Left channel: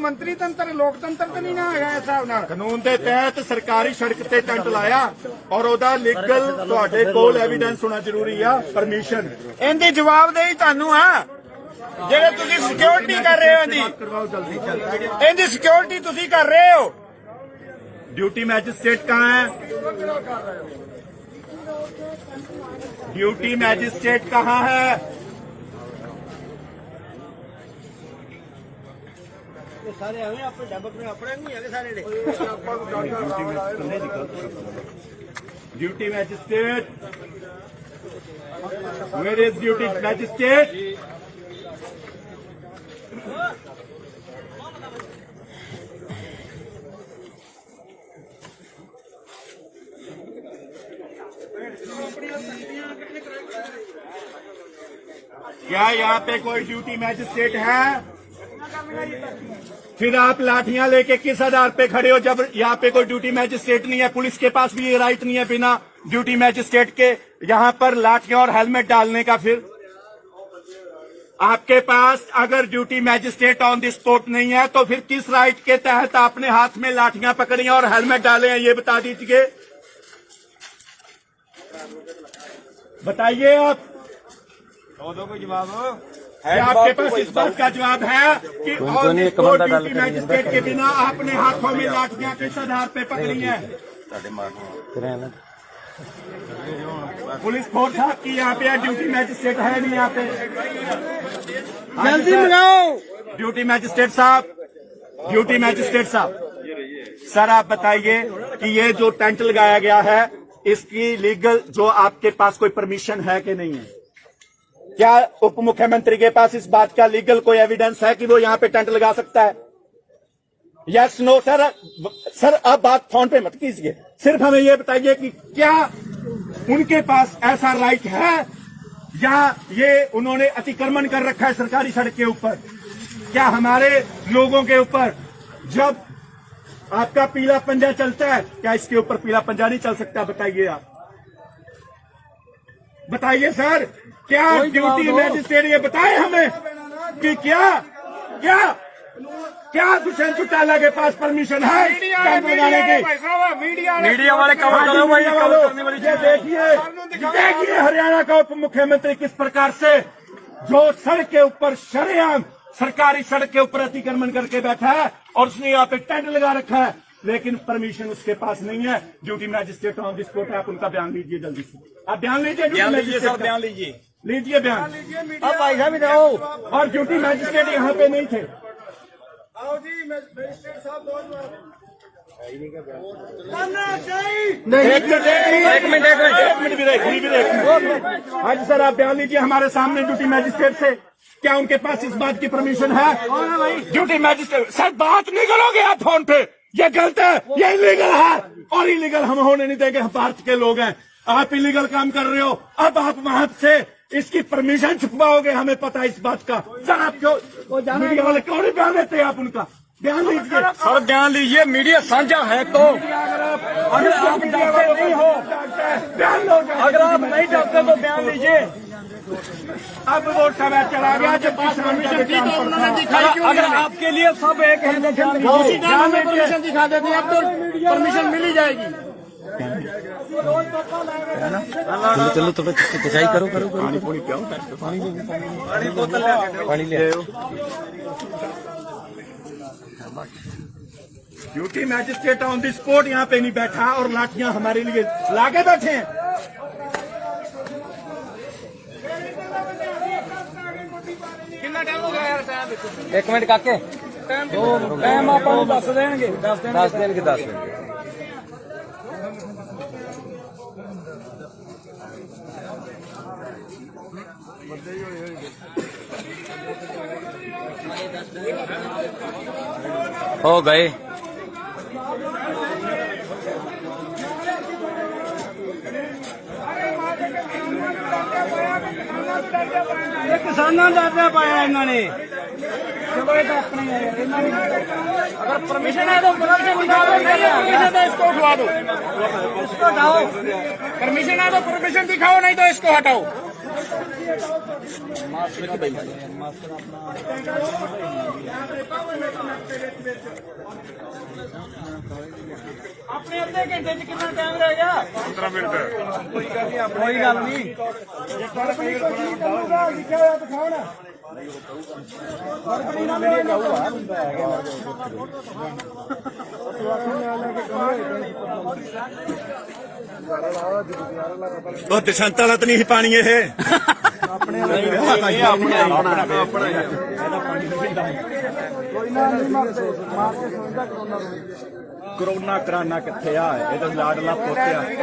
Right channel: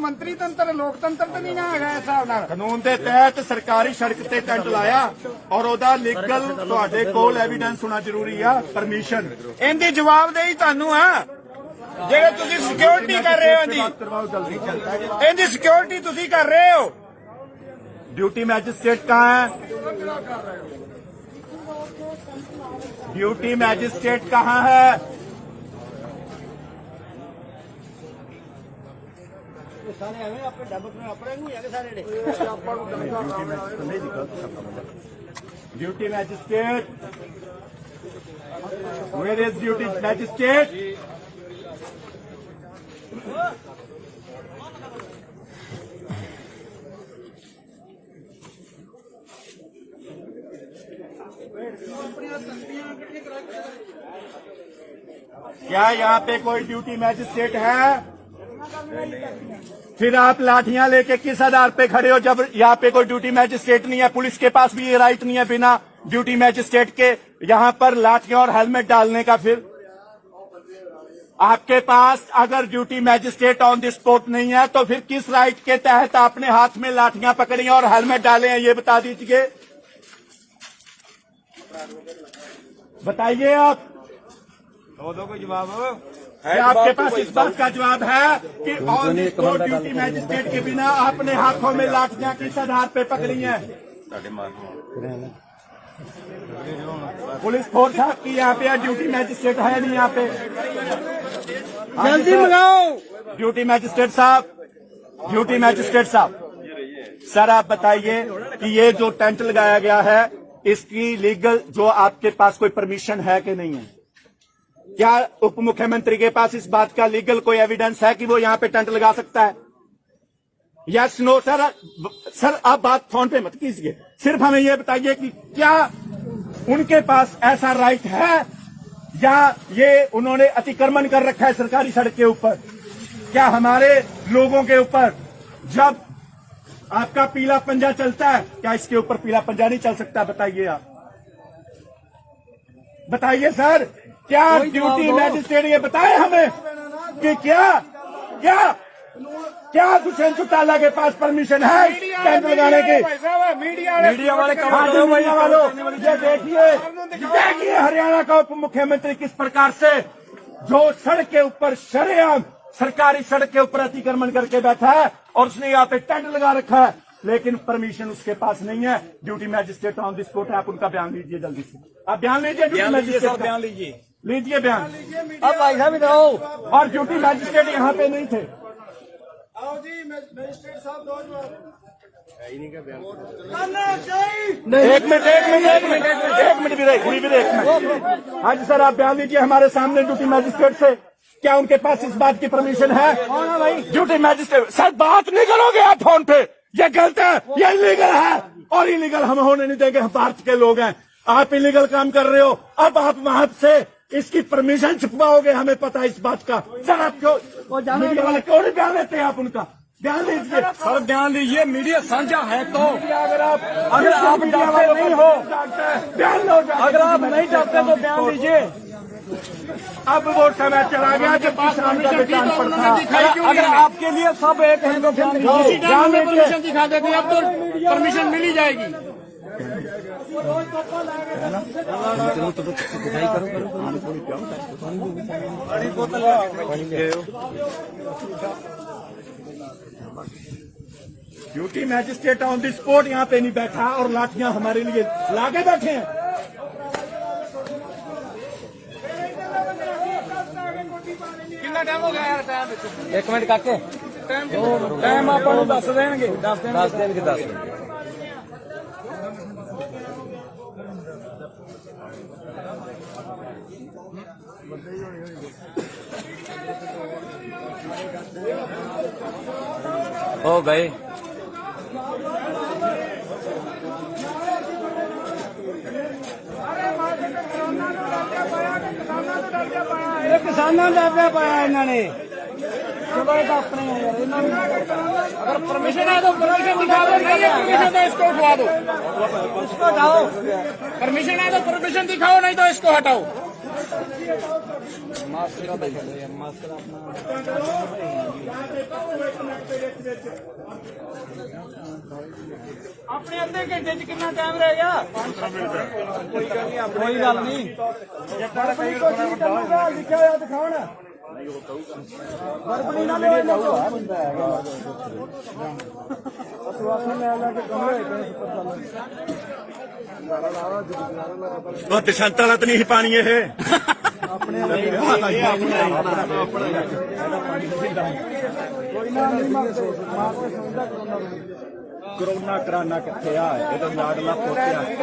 ਮੰਤਰੀ ਤੰਤਰ ਲੋਕਤੰਤਰ ਤੇ ਨਹੀਂ ਨਾ ਹੈਗਾ ਇਸ ਹਿਸਾਬ ਨਾਲ। ਕਾਨੂੰਨ ਦੇ ਤਹਿਤ ਸਰਕਾਰੀ ਸੜਕ ਤੇ ਟੈਂਟ ਲਾਇਆ ਔਰ ਉਹਦਾ ਲੀਗਲ ਤੁਹਾਡੇ ਕੋਲ ਐਵੀਡੈਂਸ ਹੋਣਾ ਜ਼ਰੂਰੀ ਆ, ਪਰਮਿਸ਼ਨ। ਇਹਦੀ ਜਵਾਬਦੇਹੀ ਤੁਹਾਨੂੰ ਆ ਜਿਹੜੇ ਤੁਸੀਂ ਸਿਕਿਉਰਿਟੀ ਕਰ ਰਹੇ ਹੋ। ਇਹਦੀ ਸਿਕਿਉਰਿਟੀ ਤੁਸੀਂ ਕਰ ਰਹੇ ਹੋ। ड्यूटी मैजिस्ट्रेट कहाँ है? ड्यूटी मैजिस्ट्रेट कहाँ है? Duty magistrate, where is duty magistrate? क्या यहाँ पे कोई ड्यूटी मैजिस्ट्रेट है? फिर आप लाठियां लेके किस आधार पे खड़े हो जब यहाँ पे कोई ड्यूटी मैजिस्ट्रेट नहीं है? पुलिस के पास भी ये राइट नहीं है बिना ड्यूटी मैजिस्ट्रेट के यहाँ पर लाठियां और हेलमेट डालने का। फिर आपके पास अगर duty magistrate on the spot नहीं है तो फिर किस राइट के तहत आपने हाथ में लाठियां पकड़ी और हेलमेट डाले हैं, ये बता दीजिए। बताइए आप। दो को जवाब आपके पास इस बात का जवाब है कि ड्यूटी मैजिस्ट्रेट के बिना आपने हाथों में लाठियां किस आधार पे पकड़ी हैं? पुलिस फोर्स आपकी यहाँ पे ड्यूटी मैजिस्ट्रेट है नहीं यहाँ पे? जल्दी बुलाओ ड्यूटी मैजिस्ट्रेट साहब, ड्यूटी मैजिस्ट्रेट साहब, सर आप बताइए कि ये जो टेंट लगाया गया है इसकी लीगल जो आपके पास कोई परमिशन है कि नहीं है? क्या उप मुख्यमंत्री के पास इस बात का लीगल कोई एविडेंस है कि वो यहाँ पे टेंट लगा सकता है? Yes no sir. सर आप बात फोन पे मत कीजिए, सिर्फ हमें ये बताइए कि क्या उनके पास ऐसा राइट है या ये उन्होंने अतिक्रमण कर रखा है सरकारी सड़क के ऊपर? क्या हमारे लोगों के ऊपर जब आपका पीला पंजा चलता है, क्या इसके ऊपर पीला पंजा नहीं चल सकता? बताइए आप, बताइए सर। क्या ड्यूटी मैजिस्ट्रेट ये बताए हमें कि क्या क्या क्या दुष्यंत चौटाला के पास परमिशन है टेंट लगाने की? मीडिया वाले कवर करो भाई। ये देखिए हरियाणा का उप मुख्यमंत्री किस प्रकार से जो सड़क के ऊपर शरेआम सरकारी सड़क के ऊपर अतिक्रमण करके बैठा है और उसने यहाँ पे टेंट लगा रखा है, लेकिन परमिशन उसके पास नहीं है। Duty magistrate on the spot है, आप उनका बयान लीजिए जल्दी से। आप बयान लीजिए, ड्यूटी मैजिस्ट्रेट बयान लीजिए, लीजिए बयान। अब भाई साहब रहो। और ड्यूटी मैजिस्ट्रेट यहाँ पे नहीं थे। आओ जी मैजिस्ट्रेट साहब दो जवाब। एक मिनट भी रहे। हाँ जी सर आप बयान लीजिए हमारे सामने ड्यूटी मैजिस्ट्रेट से। क्या उनके पास इस बात की परमिशन है? ड्यूटी मैजिस्ट्रेट सर बात नहीं करोगे आप फोन पे, ये गलत है, ये इलीगल है और इलीगल हम होने नहीं देंगे। हम भारत के लोग हैं, आप इलीगल काम कर रहे हो। अब आप वहां से इसकी परमिशन छुपवाओगे, हमें पता है इस बात का। सर आप क्यों मीडिया वाले क्यों नहीं बयान देते आप उनका? बयान लीजिए सर, बयान लीजिए। मीडिया साझा है तो अगर आप डरते नहीं हो, बयान लो। अगर आप नहीं डरते तो बयान लीजिए। अब वो समय चला गया जब परमिशन थी तो उन्होंने दिखाई क्यों? अगर आपके लिए सब एक है तो बयान में परमिशन दिखा देते हैं, अब तो परमिशन मिल ही जाएगी। चलो थोड़ा खिंचाई करो पानी पूरी क्या पानी ले आओ। Duty magistrate on the spot यहाँ पे नहीं बैठा और लाठियां हमारे लिए लाके बैठे हैं। कितना टाइम हो गया यार? टाइम एक मिनट काके टाइम आप दस देंगे, 10 दिन। हो गए। किसानों ने डरना पाया इन्होंने। चलो ये तो अपने है यार, अगर परमिशन है तो परमिशन तो इसको उठवा दो, इसको हटाओ। परमिशन है तो परमिशन दिखाओ, नहीं तो इसको हटाओ। ਆਪਣੇ ਅੱਧੇ ਘੰਟੇ ਚ ਕਿੰਨਾ ਟਾਈਮ ਰਹਿ ਗਿਆ 15 ਮਿੰਟ ਕੋਈ ਗੱਲ ਨਹੀਂ ਲਿਖਿਆ ਦਿਖਾਉਣ ਵਰਬੜੀ ਨਾਲ ਵੀਡੀਓ ਜਾਊਗਾ ਬੰਦਾ ਹੈਗਾ तो दिशंता तो नहीं पानी है कोरोना कराना किथे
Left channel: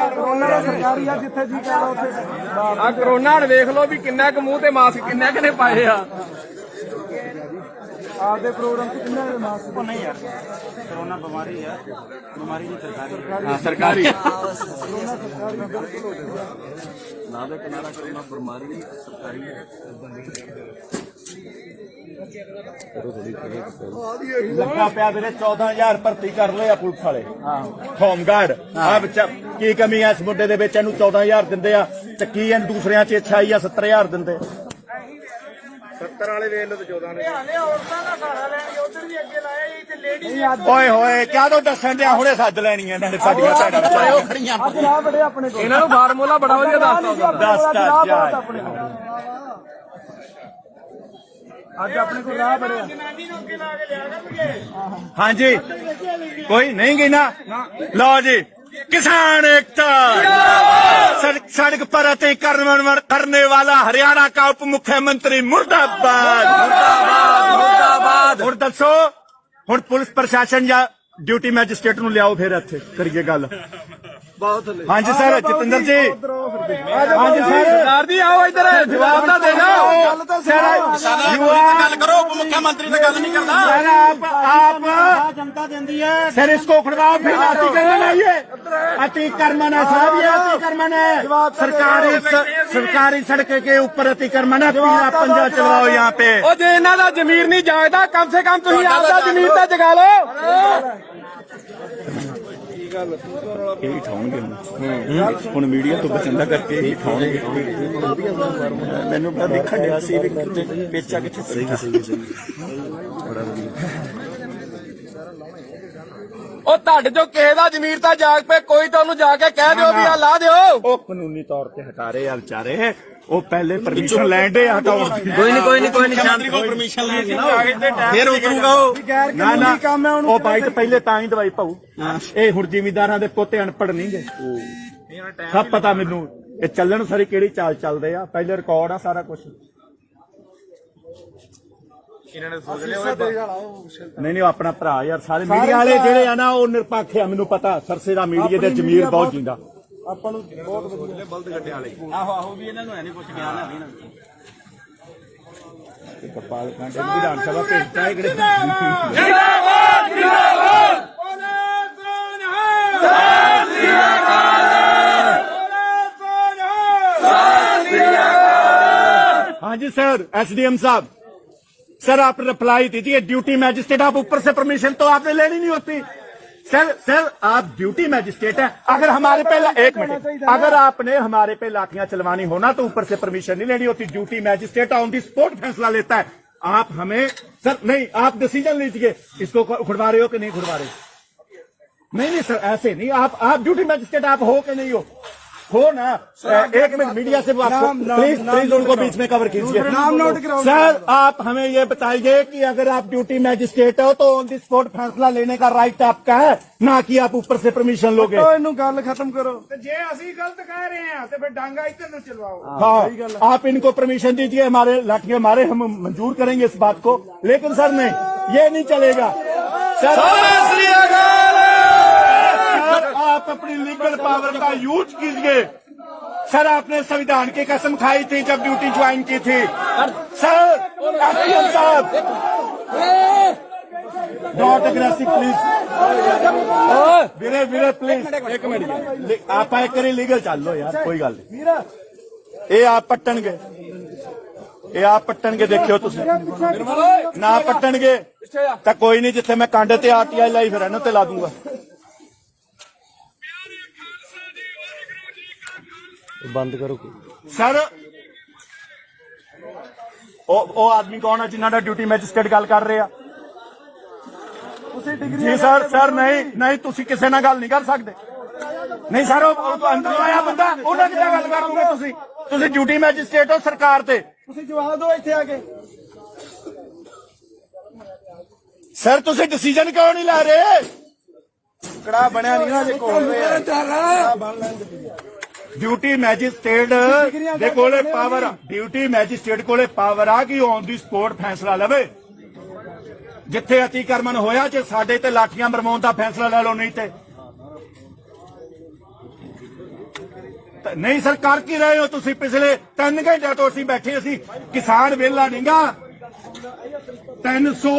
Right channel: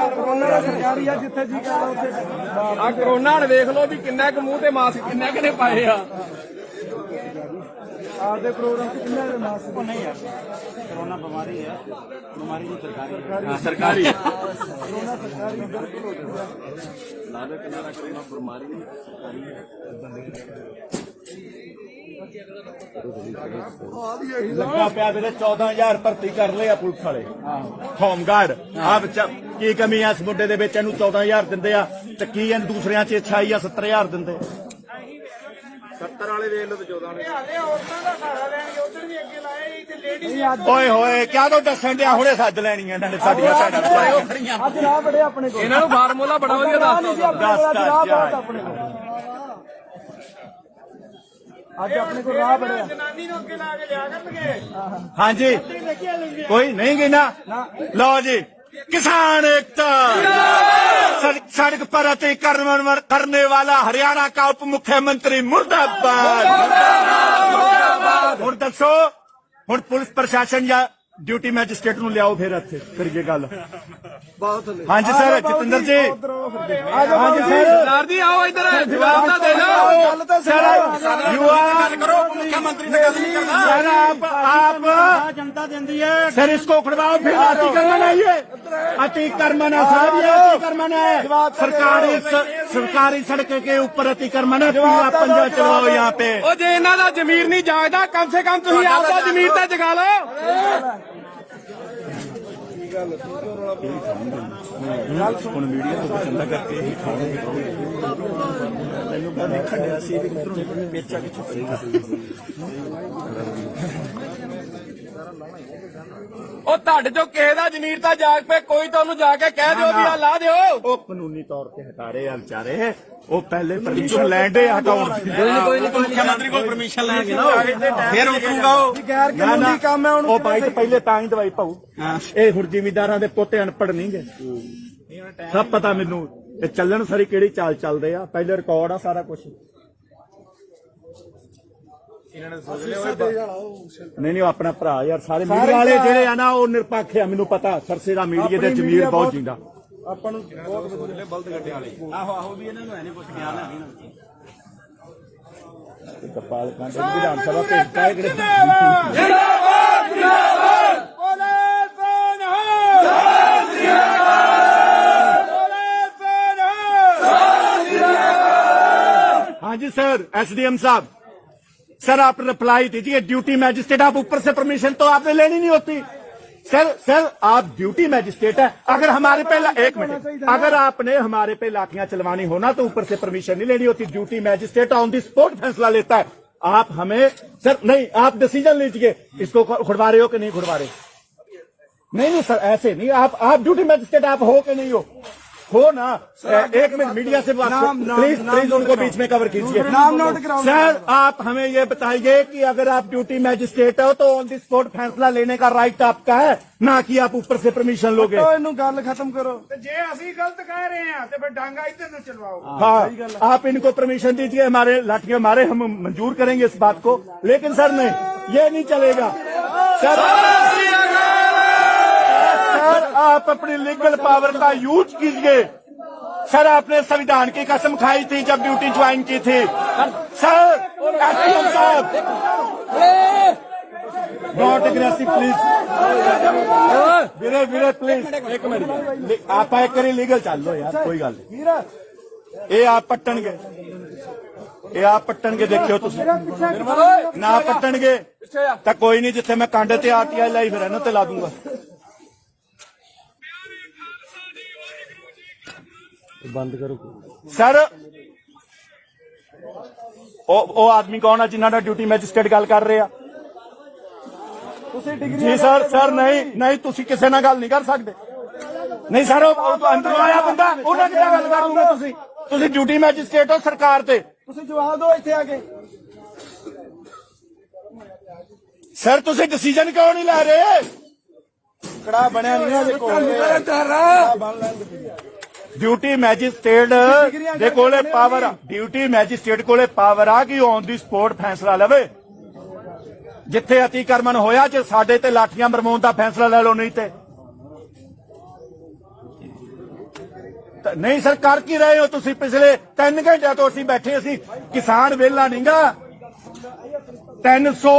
ਕੋਰੋਨਾ ਦਾ ਸਰਕਾਰੀ ਆ ਜਿੱਥੇ ਜੀ ਕਰਦਾ ਉੱਥੇ ਆ ਕੋਰੋਨਾ ਵੇਖ ਲਓ ਵੀ ਕਿੰਨਾ ਕੁ ਮੂੰਹ ਤੇ ਮਾਸਕ ਕਿੰਨਾ ਕੁ ਨੇ ਪਾਏ ਆ ਆਪਦੇ ਪ੍ਰੋਗਰਾਮ ਤੇ ਕਿੰਨਾ ਦੇ ਮਾਸਕ ਨਹੀਂ ਯਾਰ ਕੋਰੋਨਾ ਬਿਮਾਰੀ ਹੈ ਬਿਮਾਰੀ ਵੀ ਸਰਕਾਰੀ ਕੋਰੋਨਾ ਸਰਕਾਰੀ ਬਿਲਕੁਲ ਹੋ ਜਾਊਗਾ ਲਾ ਦੋ ਕਿੰਨਾ ਦਾ ਕੋਰੋਨਾ ਬਿਮਾਰੀ ਵੀ ਸਰਕਾਰੀ ਹੈ लगा पिया मेरे 14,000 भर्ती कर रहे पुलिस वाले होमगार्ड की कमी है इस मुंडे दे विच इहनूं 14,000 दिंदे आ ते की इन दूसरियां च 26 या 70,000 दिंदे 70 वाले ਵੇਖ ਲਓ ਤੇ 14 ਨੇ ਔਰਤਾਂ ਦਾ ਘਰ ਲੈਣਗੇ ਉਧਰ ਵੀ ਅੱਗੇ ਲਾਇਆ ਇੱਥੇ ਲੇਡੀ ओए होए क्या तो दसन दिया हुणे सज लैणी इन्हां ने साडियां ਅੱਜ ਰਾਹ ਬੜੇ ਆਪਣੇ ਕੋਲ ਇਹਨਾਂ ਨੂੰ ਫਾਰਮੂਲਾ ਬੜਾ ਵਧੀਆ ਦੱਸਦਾ ਅੱਜ ਰਾਹ ਬਹੁਤ ਆਪਣੇ ਕੋਲ ਅੱਜ ਆਪਣੇ ਕੋਲ ਰਾਹ ਬੜੇ ਜਨਾਨੀ ਨੂੰ ਅੱਗੇ ਲਾ ਕੇ ਲਿਆ ਕਰਨਗੇ हाँ जी कोई नहीं गिना लो जी किसान एकता सड़क पर अतिक्रमण करने वाला हरियाणा का उप मुख्यमंत्री मुर्दाबाद और दसो हुण पुलिस प्रशासन या ड्यूटी मैजिस्ट्रेट नूं लियाओ फिर इत्थे करिए गल ਬਹੁਤ हाँ जी सर जितेंद्र जी हाँ जी सर ਸਰਦਾਰ ਜੀ ਆਓ ਇੱਧਰ ਜਵਾਬ ਤਾਂ ਦੇ ਦਿਓ ਗੱਲ ਤਾਂ सर सर आप ਜਨਤਾ ਦਿੰਦੀ ਹੈ सर इसको उखड़वाओ फिर अतिक्रमण है ये अतिक्रमण है साहब ये अतिक्रमण है सरकारी सड़क के ऊपर अतिक्रमण है पूरा पंजा चलाओ यहाँ पे ਉਹ ਜੇ ਇਹਨਾਂ ਦਾ ਜ਼ਮੀਰ ਨਹੀਂ ਜਾਗਦਾ ਕਮ ਸੇ ਕਮ ਤੁਸੀਂ ਆਪਦਾ ਜ਼ਮੀਰ ਤਾਂ ਜਗਾ ਲਓ ਹੁਣ ਮੀਡੀਆ ਤੋਂ ਬਚੰਦਾ ਕਰਕੇ ਹੀ ਖਾਣਗੇ ਮੈਨੂੰ ਤਾਂ ਦੇਖਣ ਡਿਆ ਸੀ ਵੀ ਪੇਚਾ ਕਿੱਥੇ ਉਹ ਤੁਹਾਡੇ ਚੋਂ ਕਿਸੇ ਦਾ ਜ਼ਮੀਰ ਤਾਂ ਜਾਗ ਪਏ ਕੋਈ ਤੁਹਾਨੂੰ ਜਾ ਕੇ ਕਹਿ ਦਿਓ ਵੀ ਆ ਲਾ ਦਿਓ ਉਹ ਕਾਨੂੰਨੀ ਤੌਰ ਤੇ ਹਟਾ ਰਹੇ ਆ ਵਿਚਾਰੇ ਉਹ ਪਹਿਲੇ ਪਰਮਿਸ਼ਨ ਲੈਂਦੇ ਆ ਤਾਂ ਕੋਈ ਨਹੀਂ ਸ਼ਾਂਤੀ ਕੋਲ ਪਰਮਿਸ਼ਨ ਲੈ ਕੇ ਫਿਰ ਉਤਰੂਗਾ ਗੈਰ ਕਾਨੂੰਨੀ ਕੰਮ ਹੈ ਉਹ ਬਾਈ ਤੇ ਪਹਿਲੇ ਤਾਂ ਹੀ ਦਵਾਈ ਪਾਉ ਇਹ ਹੁਣ ਜ਼ਿਮੀਦਾਰਾਂ ਦੇ ਪੋਤੇ ਅਨਪੜ ਨਹੀਂ ਗੇ ਸਭ ਪਤਾ ਮੈਨੂੰ ਇਹ ਚੱਲਣ ਸਾਰੀ ਕਿਹੜੀ ਚਾਲ ਚੱਲਦੇ ਆ ਪਹਿਲੇ ਰਿਕਾਰਡ ਆ ਸਾਰਾ ਕੁਝ ਨਹੀਂ ਉਹ ਆਪਣਾ ਭਰਾ ਯਾਰ ਸਾਰੇ ਮੀਡੀਆ ਵਾਲੇ ਜਿਹੜੇ ਆ ਨਾ ਉਹ ਨਿਰਪੱਖ ਆ ਮੈਨੂੰ ਪਤਾ ਸਰਸੇ ਦਾ ਮੀਡੀਆ ਦੇ ਜ਼ਮੀਰ ਬਹੁਤ ਜਿੰਦਾ ਆਪਾਂ ਨੂੰ ਬਹੁਤ ਵਧੀਆ ਬਲਦ ਗੱਡੇ ਵਾਲੇ ਆਹੋ ਵੀ ਇਹਨਾਂ ਨੂੰ ਐ ਨਹੀਂ ਕੁਝ ਖਿਆਲ ਆ ਕਪਾਲ ਕਾਂਡੇ ਵਿਧਾਨ ਸਭਾ ਭੇਜਦਾ ਹੈ ਕਿਹੜੇ हाँ जी सर एसडीएम साहब सर आप रिप्लाई दीजिए ड्यूटी मैजिस्ट्रेट आप ऊपर से परमिशन तो आपने लेनी नहीं होती सर आप ड्यूटी मैजिस्ट्रेट है अगर हमारे पे एक मिनट अगर आपने हमारे पे लाठियां चलवानी होना तो ऊपर से परमिशन नहीं लेनी होती duty magistrate on the spot फैसला लेता है आप हमें सर नहीं आप डिसीजन लीजिए इसको खुड़वा रहे हो कि नहीं खुड़वा रहे नहीं सर ऐसे नहीं आप ड्यूटी मैजिस्ट्रेट आप हो कि नहीं हो ना एक मिनट मीडिया से बात प्लीज उनको बीच में कवर कीजिए नाम नोट कराओ सर आप हमें ये बताइए कि अगर आप ड्यूटी मैजिस्ट्रेट हो तो ऑन दी स्पॉट फैसला लेने का राइट आपका है ना कि आप ऊपर से परमिशन लोगे ਇਹਨੂੰ ਗੱਲ ਖਤਮ ਕਰੋ ਤੇ ਜੇ ਅਸੀਂ ਗਲਤ ਕਹਿ ਰਹੇ ਹਾਂ ਤੇ ਫਿਰ ਡਾਂਗਾ ਇੱਧਰ ਨੂੰ ਚਲਵਾਓ हाँ आप इनको परमिशन दीजिए हमारे लाठियां हमारे हम मंजूर करेंगे इस बात को लेकिन सर नहीं ये नहीं चलेगा सर आप अपनी लीगल पावर का यूज कीजिए सर आपने संविधान की कसम खाई थी जब ड्यूटी ज्वाइन की थी सर एसडीएम साहब not aggressive please Veere please एक मिनट आप एक करी लीगल चल लो यार कोई गल ये आप पट्टणगे ये आप पट्टणगे देखियो तुसी ना पट्टणगे तो कोई नहीं जिथे मैं कांडे ते आरटीआई लाई फिर इन्हां ते ला दूंगा बंद करो सर ਉਹ ਆਦਮੀ ਕੌਣ ਆ ਜਿਨ੍ਹਾਂ ਦਾ ਡਿਊਟੀ ਮੈਜਿਸਟ੍ਰੇਟ ਗੱਲ ਕਰ ਰਹੇ ਆ? ਜੀ ਸਰ ਨਹੀਂ ਤੁਸੀਂ ਕਿਸੇ ਨਾਲ ਗੱਲ ਨਹੀਂ ਕਰ ਸਕਦੇ। ਨਹੀਂ ਸਰ ਉਹ ਅੰਦਰ ਆਇਆ ਬੰਦਾ ਉਹਨਾਂ ਕਿੱਦਾਂ ਗੱਲ ਕਰ ਲੂਗੇ? ਤੁਸੀਂ ਡਿਊਟੀ ਮੈਜਿਸਟ੍ਰੇਟ ਹੋ ਸਰਕਾਰ ਤੇ, ਤੁਸੀਂ ਜਵਾਬ ਦਿਓ ਇੱਥੇ ਆ ਕੇ। ਸਰ ਤੁਸੀਂ ਡਿਸੀਜਨ ਕਿਉਂ ਨਹੀਂ ਲੈ ਰਹੇ? ਕੜਾ ਬਣਿਆ ਨਹੀਂ ਨਾ ਡਿਊਟੀ ਮੈਜਿਸਟ੍ਰੇਟ ਦੇ ਕੋਲੇ ਪਾਵਰ ਆ, ਡਿਊਟੀ ਮੈਜਿਸਟ੍ਰੇਟ ਕੋਲੇ ਪਾਵਰ ਆ ਕਿ ਔਨ ਦੀ ਸਪੋਰਟ ਫੈਸਲਾ ਲਵੇ। ਜਿੱਥੇ ਅਤੀਕਰਮਨ ਹੋਇਆ ਜੇ ਸਾਡੇ ਤੇ ਲਾਠੀਆਂ ਮਰਵਾਉਣ ਦਾ ਫੈਸਲਾ ਲੈ ਲਓ, ਨਹੀਂ ਤੇ ਨਹੀਂ। ਸਰ ਕਰ ਕੀ ਰਹੇ ਹੋ ਤੁਸੀਂ? ਪਿਛਲੇ 3 ਘੰਟਿਆਂ ਤੋਂ ਅਸੀਂ ਬੈਠੇ, ਅਸੀਂ ਕਿਸਾਨ ਵਿਹਲਾ ਨਹੀਂਗਾ। 300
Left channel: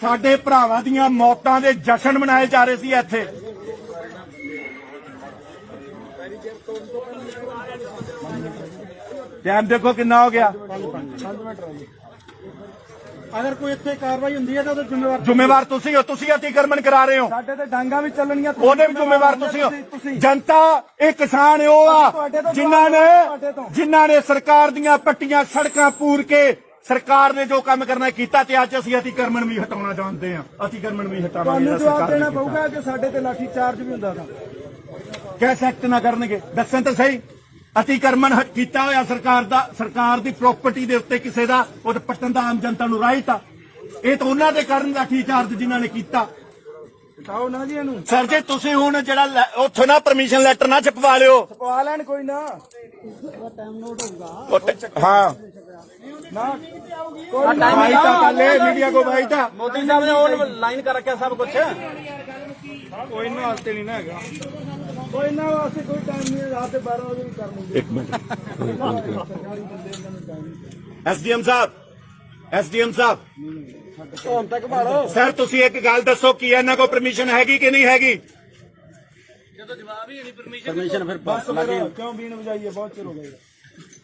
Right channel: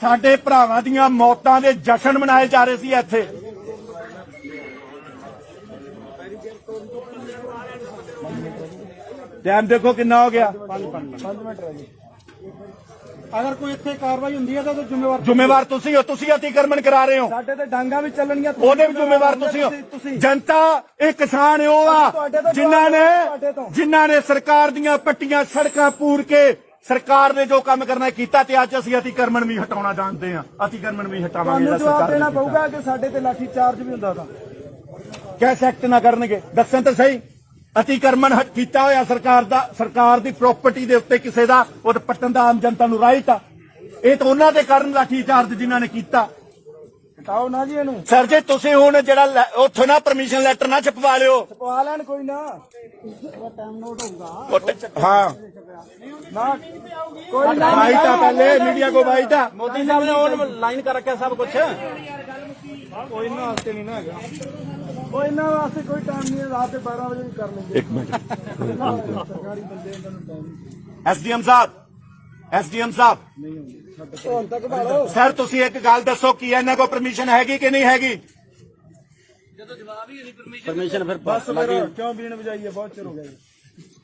ਸਾਡੇ ਭਰਾਵਾਂ ਦੀਆਂ ਮੌਤਾਂ ਦੇ ਜਸ਼ਨ ਮਨਾਏ ਜਾ ਰਹੇ ਸੀ ਇੱਥੇ। ਟਾਈਮ ਦੇਖੋ ਕਿੰਨਾ ਹੋ ਗਿਆ। 5 ਮਿੰਟ ਰਹਿ ਗਏ। ਅਗਰ ਕੋਈ ਇੱਥੇ ਕਾਰਵਾਈ ਹੁੰਦੀ ਹੈ ਤਾਂ ਜ਼ਿੰਮੇਵਾਰ ਤੁਸੀਂ ਹੋ। ਤੁਸੀਂ ਅਤੀਕਰਮਨ ਕਰਾ ਰਹੇ ਹੋ, ਸਾਡੇ ਤੇ ਡਾਂਗਾ ਵੀ ਚੱਲਣਗੀਆਂ, ਉਹਦੇ ਵੀ ਜ਼ਿੰਮੇਵਾਰ ਤੁਸੀਂ ਹੋ। ਜਨਤਾ ਇਹ ਕਿਸਾਨ ਉਹ ਆ ਜਿਨ੍ਹਾਂ ਨੇ ਸਰਕਾਰ ਦੀਆਂ ਪੱਟੀਆਂ ਸੜਕਾਂ ਪੂਰ ਕੇ ਸਰਕਾਰ ਨੇ ਜੋ ਕੰਮ ਕਰਨਾ ਕੀਤਾ, ਤੇ ਅੱਜ ਅਸੀਂ ਅਤੀਕਰਮਨ ਵੀ ਹਟਾਉਣਾ ਜਾਣਦੇ ਹਾਂ। ਅਤੀਕਰਮਨ ਵੀ ਹਟਾਵਾਂਗੇ। ਤੁਹਾਨੂੰ ਜਵਾਬ ਦੇਣਾ ਪਊਗਾ ਕਿ ਸਾਡੇ ਤੇ ਲਾਠੀ ਚਾਰਜ ਵੀ ਹੁੰਦਾ ਤਾਂ ਕੈਸੇ ਐਕਟ ਨਾ ਕਰਨਗੇ? ਦੱਸਣ ਤਾਂ ਸਹੀ। ਅਤੀਕਰਮਨ ਕੀਤਾ ਹੋਇਆ ਸਰਕਾਰ ਦੀ ਪ੍ਰਾਪਰਟੀ ਦੇ ਉੱਤੇ ਕਿਸੇ ਦਾ ਉਹ ਪੱਟਣ ਦਾ ਆਮ ਜਨਤਾ ਨੂੰ ਰਾਈਟ ਆ। ਇਹ ਤਾਂ ਉਹਨਾਂ ਦੇ ਕਰਨ ਲਾਠੀ ਚਾਰਜ ਜਿਨ੍ਹਾਂ ਨੇ ਕੀਤਾ। ਹਟਾਓ ਨਾ ਵੀ ਇਹਨੂੰ। ਸਰ ਜੇ ਤੁਸੀਂ ਹੁਣ ਜਿਹੜਾ ਉੱਥੇ ਨਾ ਪਰਮਿਸ਼ਨ ਲੈਟਰ ਨਾ ਛਪਵਾ ਲਿਓ। ਛਪਵਾ ਲੈਣ ਕੋਈ ਨਾ, ਟਾਈਮ ਨੋਟ ਹੋਊਗਾ। हाँ भाई था पहले मीडिया को भाई था। मोदी साहब ने और लाइन कर रखा सब कुछ। कोई ना वास्ते नहीं ना है, कोई ना वास्ते कोई टाइम नहीं है। रात 12 बजे भी कर लेंगे। एसडीएम साहब ਹੁਣ ਤੱਕ ਭਾਲੋ सर तुसी एक गल दसो कि इन्हां को परमिशन हैगी कि नहीं हैगी? ਜਦੋਂ ਜਵਾਬ ਹੀ ਨਹੀਂ परमिशन फिर ਬਸ ਮੇਰਾ ਕਿਉਂ ਬੀਣ ਵਜਾਈ ਹੈ? ਬਹੁਤ ਚਿਰ ਹੋ ਗਿਆ।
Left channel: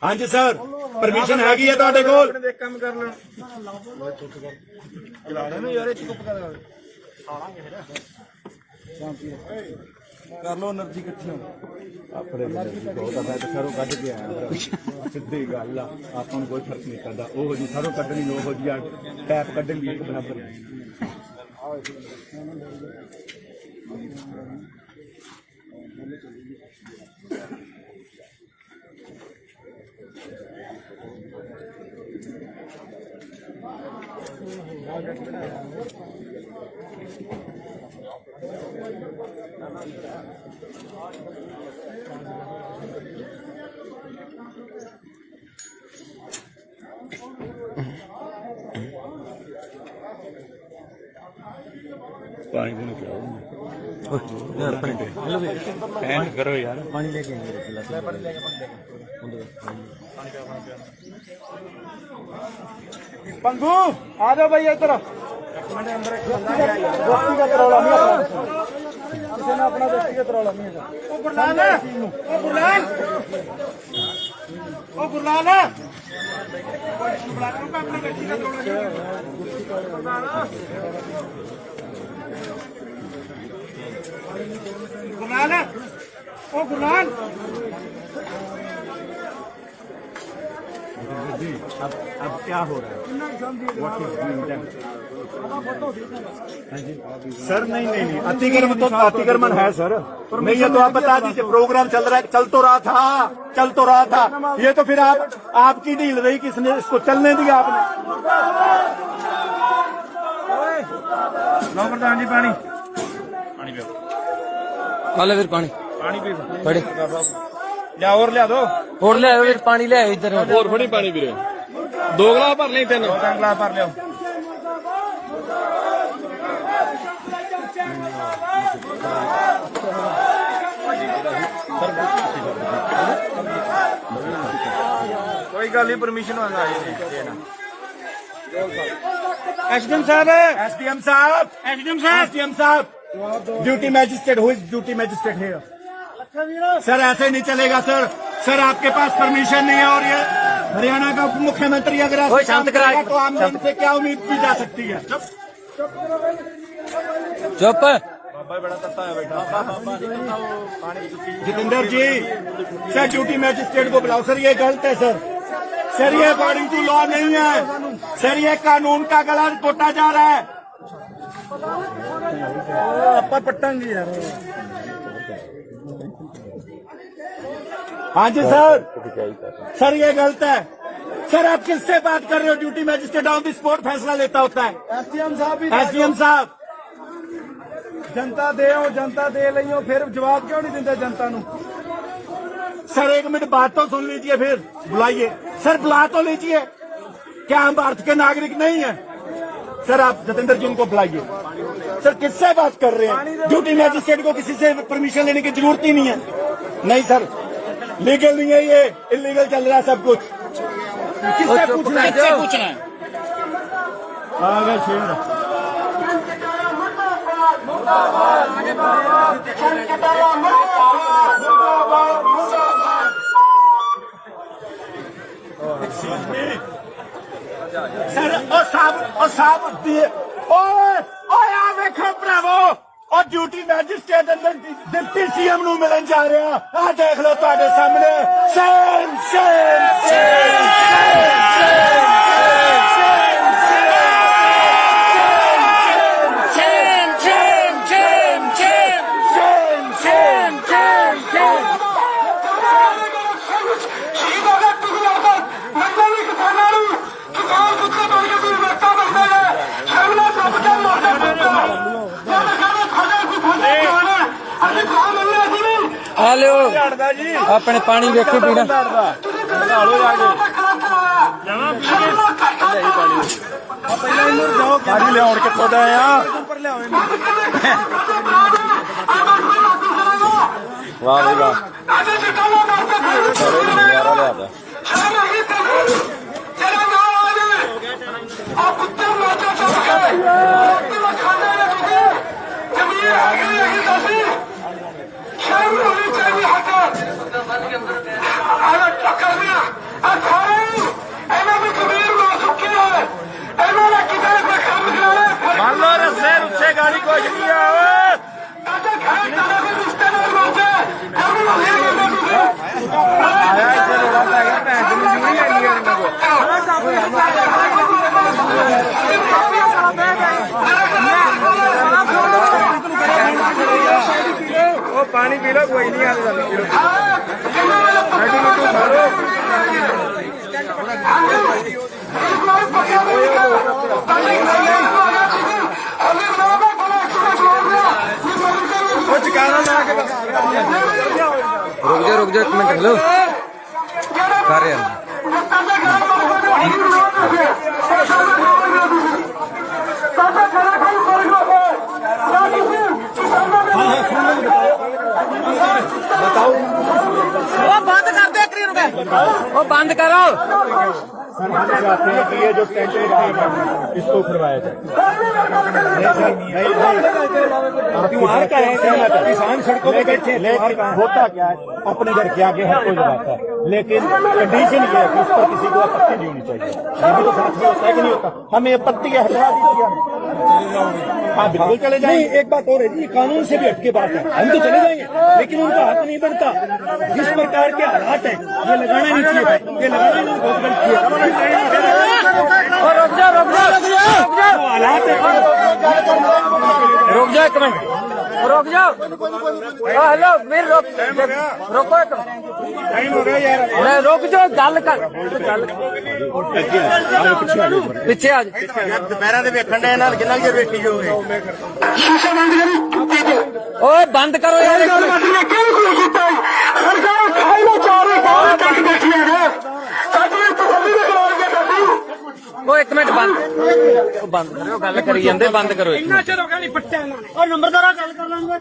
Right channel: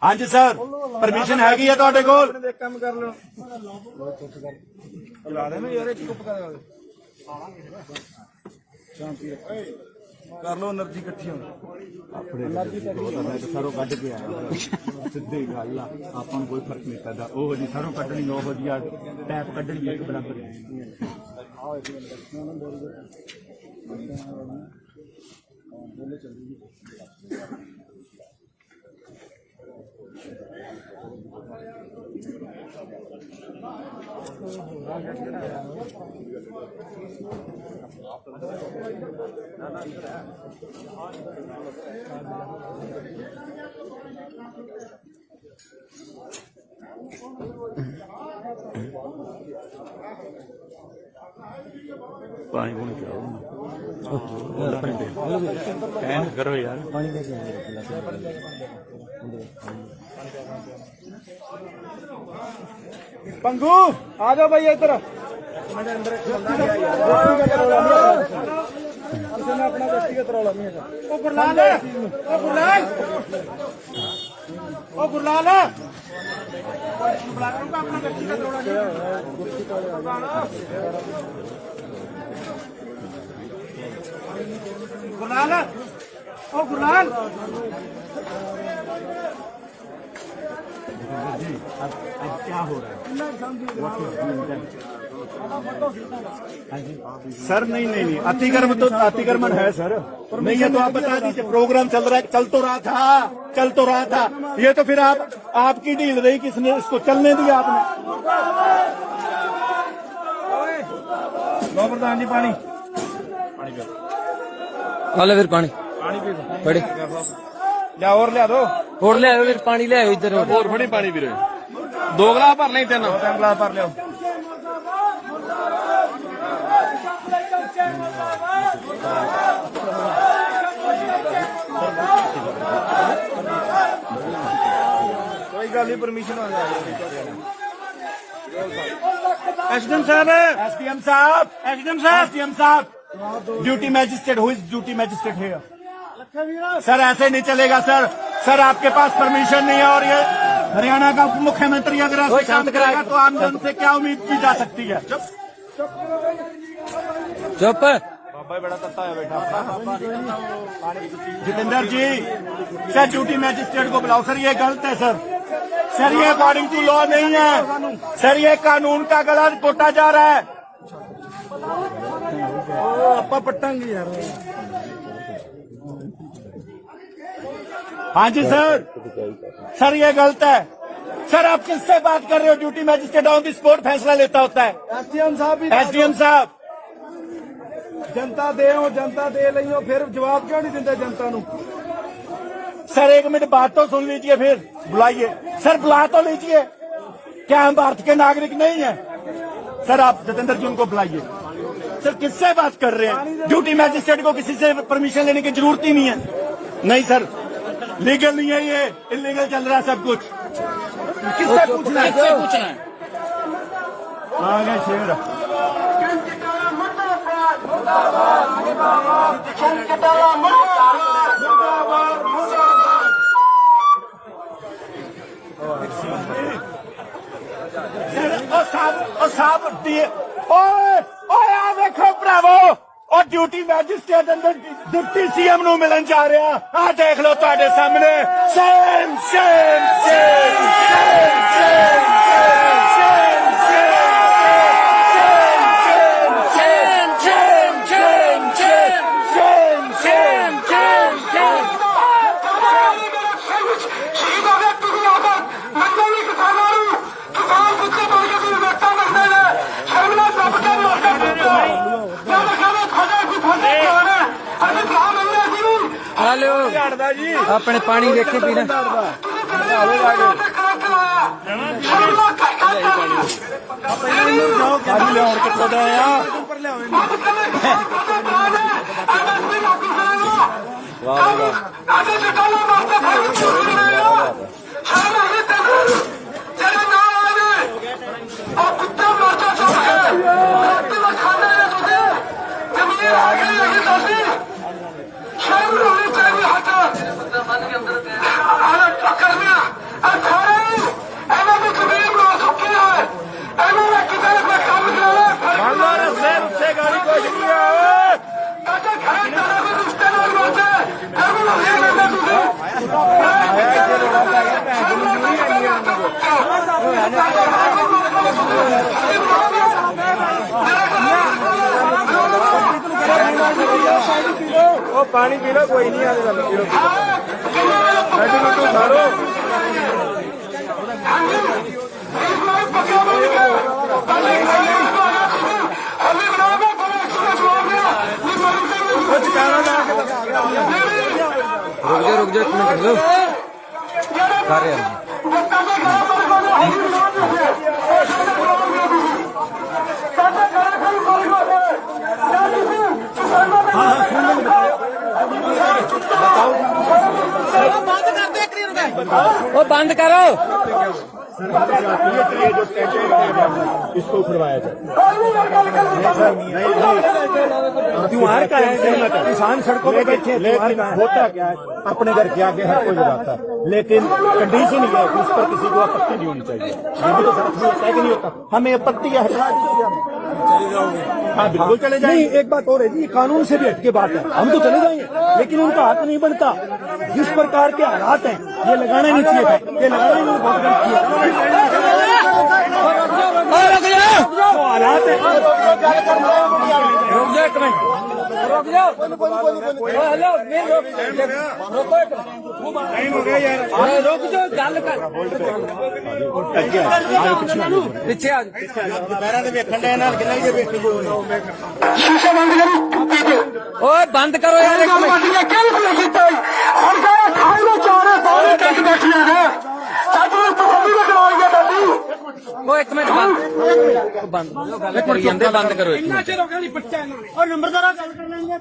हाँ जी सर परमिशन हैगी है तुहाडे कोल? ਆਪਣੇ ਦੇਖ ਕੰਮ ਕਰ ਲੈਣ ਚਲਾ ਲੈਣ ਯਾਰ। ਇਹ ਚੁੱਪ ਕਰ ਸ਼ਾਂਤੀ ਕਰ ਲੋ। એનર્ਜੀ ਇਕੱਠੀ ਹੋ ਸਰੋਂ ਕੱਢ ਕੇ ਆਇਆ ਸਿੱਧੀ ਗੱਲ ਆ। ਆਪਾਂ ਨੂੰ ਕੋਈ ਫਰਕ ਨਹੀਂ ਪੈਂਦਾ। ਉਹ ਜੀ ਸਰੋਂ ਕੱਢਣੀ ਉਹ ਜੀ ਟੈਪ ਕੱਢਣ ਦੀ ਇੱਕ ਬਰਾਬਰ ਹੈ। पानी पूनी पिलाओ यार। पैन करो यार। पानी लेके पंगू आ जाओ भाई इधर। अपना व्यक्तिगत रौला नहीं होगा। गुरलाल अब क्या हो रहा है? सर नहीं अतिक्रमण है सर। नहीं ये तो आप बता दीजिए। प्रोग्राम चल तो रहा था। ये तो फिर आपकी डील रही, किसने इसको चलने दिया? आपने लो प्रधान जी पानी वाले फिर पानी पड़े लिया और लिया दो और ले आओ फिर पानी ले आओ इधर। और थोड़ी पानी दे रहे 2 गिलास भर लें 3 गिलास भर लियो। कोई गल नहीं परमिशन होगा। एसडीएम साहब duty magistrate who is duty magistrate here? Sir ऐसे नहीं चलेगा सर आपके पास परमिशन नहीं है। और ये हरियाणा का उप मुख्यमंत्री अगर ऐसे काम करेगा तो आम जन से क्या उम्मीद की जा सकती है? चुप जितेंद्र जी, सर ड्यूटी मैजिस्ट्रेट को बुलाओ। सर ये गलत है सर ये अकॉर्डिंग टू लॉ नहीं है सर, ये कानून का गलत टोटा जा रहा है। हाँ जी सर ये गलत है सर। आप किससे बात कर रहे हो? Duty magistrate on the spot फैसला लेता होता है। एसडीएम साहब जनता दे लियो, फिर जवाब क्यों नहीं दिंदे जनता नूं? सर एक मिनट बात तो सुन लीजिए, फिर बुलाइए। सर बुला तो लीजिए। क्या हम भारत के नागरिक नहीं है? सर आप जितेंद्र जी उनको बुलाइए। सर किससे बात कर रहे हैं? ड्यूटी मैजिस्ट्रेट को किसी से परमिशन लेने की जरूरत ही नहीं है। नहीं सर, लीगल नहीं है, ये इलीगल चल रहा है सब कुछ। किससे पूछना है? देखो भरावो, और ड्यूटी मैजिस्ट्रेट अंदर डिप्टी सीएम नूं मिलन जा रहे हैं। आ देख लो तुहाडे सामने। Same same same same same hello अपने पानी वेखे पीना गाड़ी को पानी पी लो, कोई नहीं आने वाला। रुक जा 1 मिनट। हेलो कर रहे हैं वो बंद करो। ये जो इसको उठवाया जाए। किसान सड़कों पे बैठे, होता क्या है अपने घर के आगे हर कोई लगाता है, लेकिन कंडीशन ये है कि इस पर किसी को आपत्ति नहीं होनी चाहिए। ये भी तो होता है कि नहीं होता? हमें आपत्ति है, हटा दीजिए। हाँ बिल्कुल चले जाएंगे। नहीं, एक बात और है जी, कानून से भी हटके बात है, हम तो चले जाएंगे, लेकिन उनका हाथ नहीं बनता। जिस प्रकार के हालात हैं ये लगाना नहीं चाहिए था, ये लगाना नहीं बहुत गलत किया। रुक जाओ 1 मिनट, रुक जाओ। हेलो मेरे रोको 1 टाइम हो गया यार, रुक जाओ, गल कर पिछे आ दोपहर के वेखण डे ना किन्ना जे बेटी जो ओए बंद करो यार। ओ 1 मिनट बंद करो, गल करी जांदे, बंद करो। इन्ना चिर हो गया नहीं पट्टे और नंबरदारा गल कर लेंगे।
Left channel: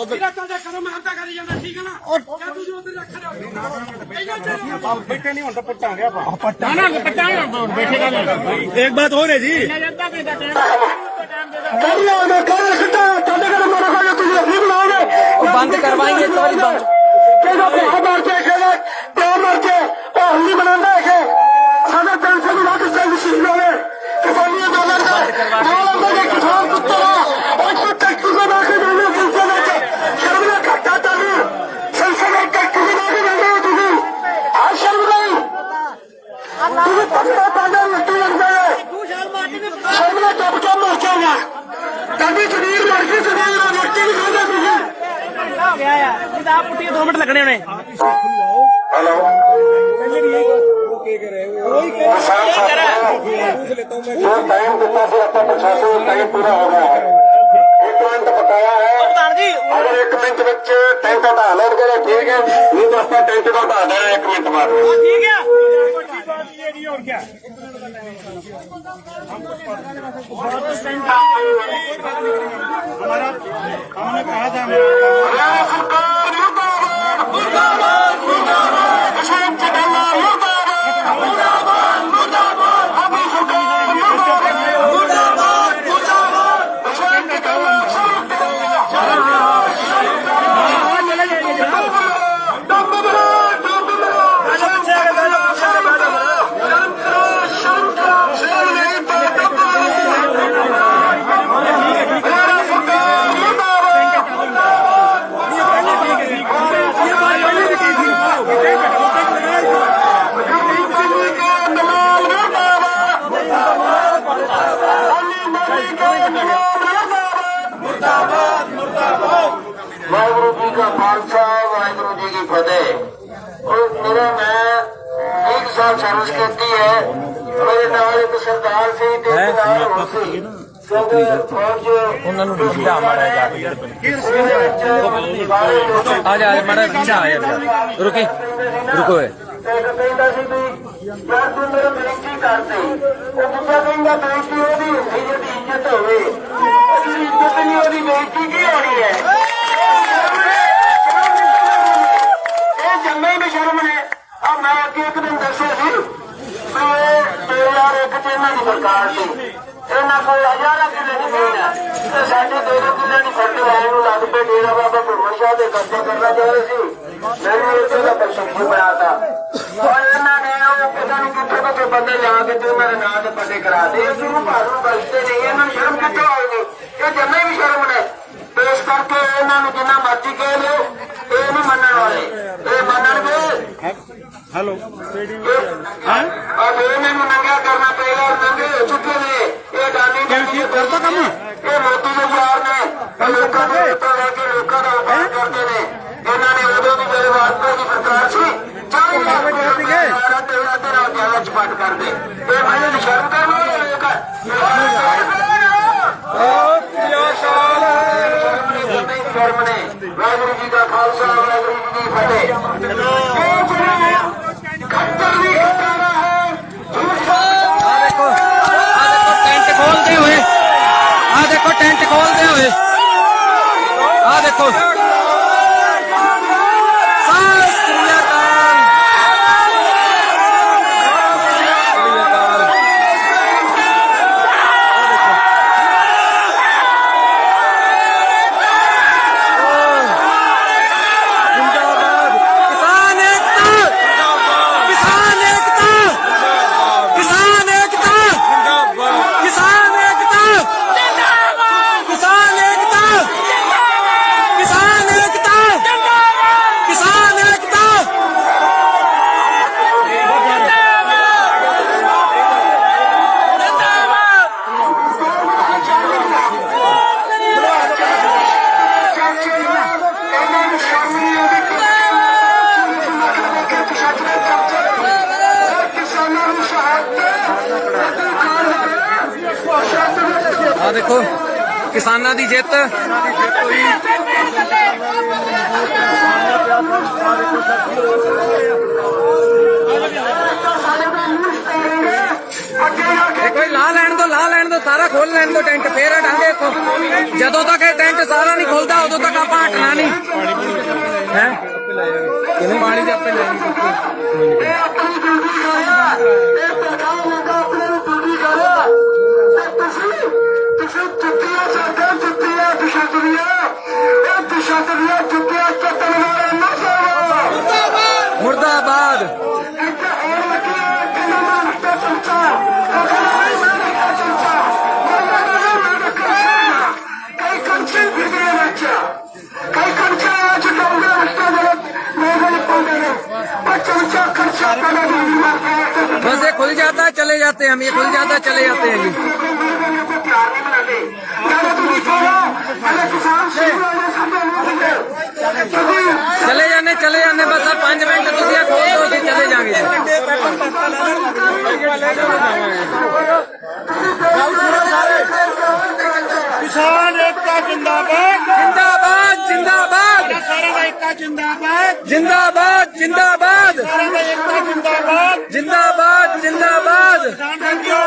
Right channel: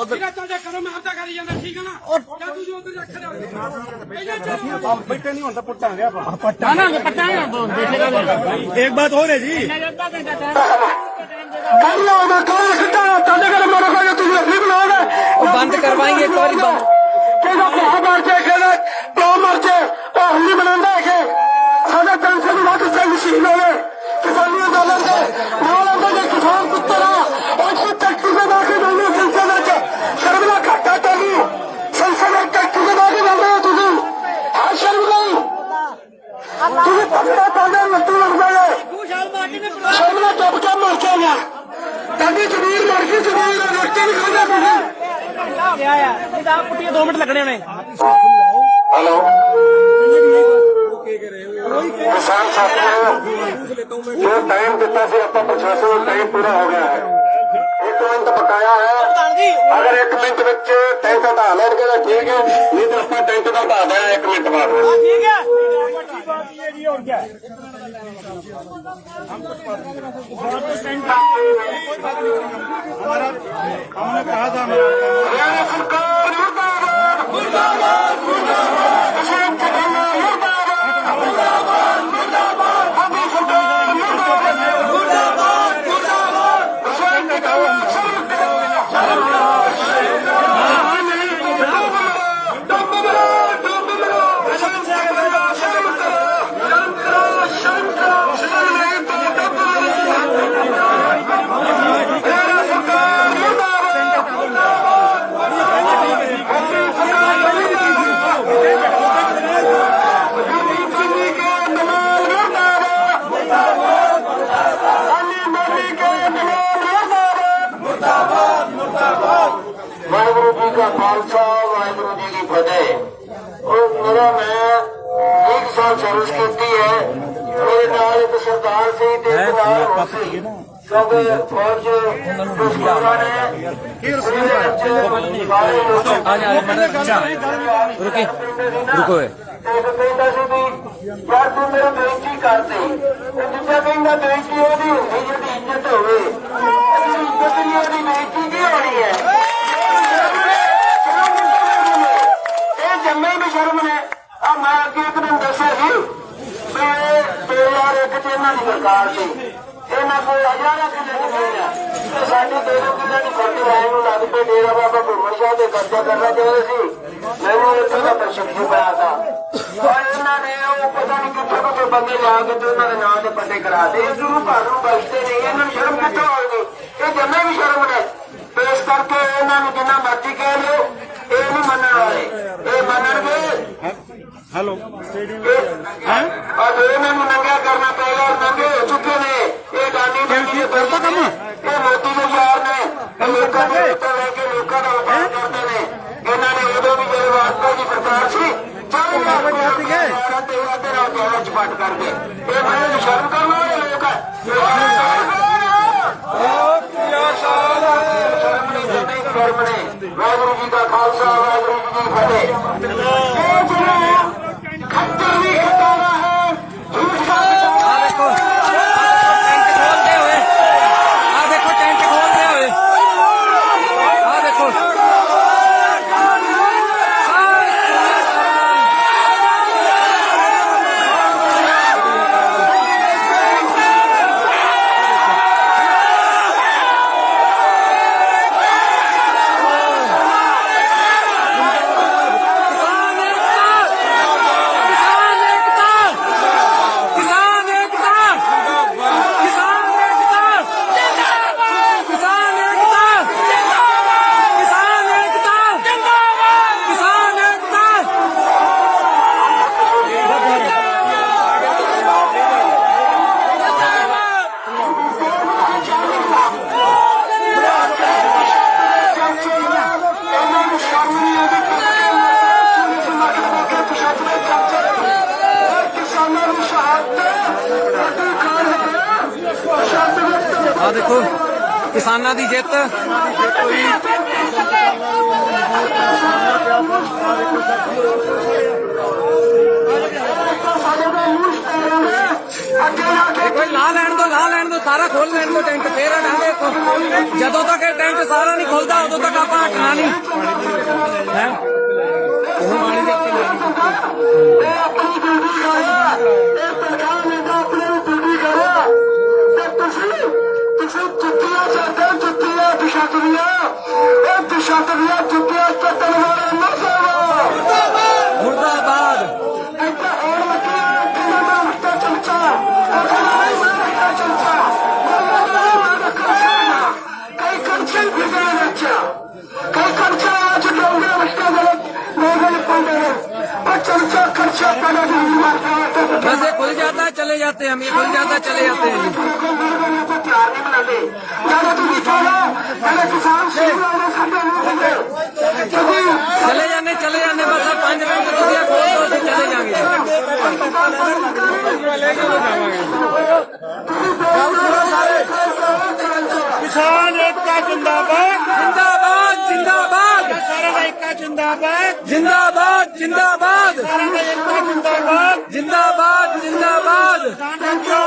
उधर चल जा करो, मैं आपदा करी जांदा, ठीक है ना? और जादू जी उधर रख रहे हो बैठे नहीं होता पट्टा गया पट्टा ना पट्टा बैठे। एक बात और है जी, बंद करवाएंगे एक बार बंद दादी जमीर लड़की जमीर रोटी नहीं खाता आप पुट्टिया 2 मिनट लगने में हेलो किसान साथियों जो टाइम देता से आपका प्रशासन टाइम पूरा हो गया है 1 मिनट बकाया है अगर 1 मिनट ਵਿੱਚ ਟੈਂਟ ਹਟਾ ਲੈਣਗੇ ਤਾਂ ਠੀਕ ਹੈ ਨਹੀਂ ਤਾਂ ਆਪਾਂ ਟੈਂਟ ਦਾ ਹਟਾ ਦੇਣਾ 1 ਮਿੰਟ ਬਾਅਦ ठीक है और क्या हमारा हमने कहा था सरकार मुर्दाबाद मुर्दाबाद मुर्दाबाद मुर्दाबाद मुर्दाबाद अभी सरकार मुर्दाबाद मुर्दाबाद वाहिगुरु जी का खालसा वाहिगुरु जी की फतेह। और मेरा मैं 1 साल सर्विस की है और नाल एक सरदार से सरदार क्योंकि फौज रुके रुको कहता सी भी यार तू मेरा बेइज्जती करते दूजा कहता बेइज्जती होगी जिसकी इज्जत होवे इज्जत नहीं होगी बेइज्जती की होनी है जम्मे भी शर्म ने और मैं अगे एक दिन दसिया सी 2001 च इन्हां दी सरकार सी इन्हां कोल 1000 किले की जमीन है ते साडे 2 किले की फटी लाइन लग पे डेरा बाबा घुमन शाह दे कब्जा करना चाहते सी मैंने इसे का प्रशिक्षण बनाता और इन्होंने पता नहीं कितने को बंदे लिया के तो इन्होंने नाम से पते करा दे गुरु भाग बचते नहीं इन्होंने शर्म कितने होगी ये जमे भी शर्म ने तो इस करके इन्होंने जिन्ना मर्जी कह लो ये नहीं मनने वाले ये मनणगे हेलो और इन्होंने नंगा करना पड़ेगा और नंगे हो चुके ने ये गांधी ये मोदी के यार ने लोगों को लेके लोगों का उपाय करते हैं इन्होंने उदो भी मेरे वाजपेयी की सरकार सी 40 लाख तेरा गैस बंद कर दे मैंने शर्म करना वाहिगुरु जी का खालसा वाहिगुरु जी की फतेह। खत्तर भी खतरा है देखो टेंट खोलते हुए देखो देखो किसानां दी जित कोई ला लैन दो सारा खोल लैन दो टेंट फिर हटांगे जदों तक ये टेंट सारा नहीं खुलता उदों तक आप हटना नहीं है मुर्दाबाद चर्चा बस ये खुल जाता है चले जाते हैं हम, ये खुल जाता है चले जाते हैं जी। चले जाने बस अब 5 मिनट तुम खोल दो फिर चले जाएंगे। किसान एकता जिंदाबाद जिंदाबाद जिंदाबाद सारा एकता जिंदाबाद जिंदाबाद जिंदाबाद सारा एकता जिंदाबाद जिंदाबाद जिंदाबाद। किसान साथियों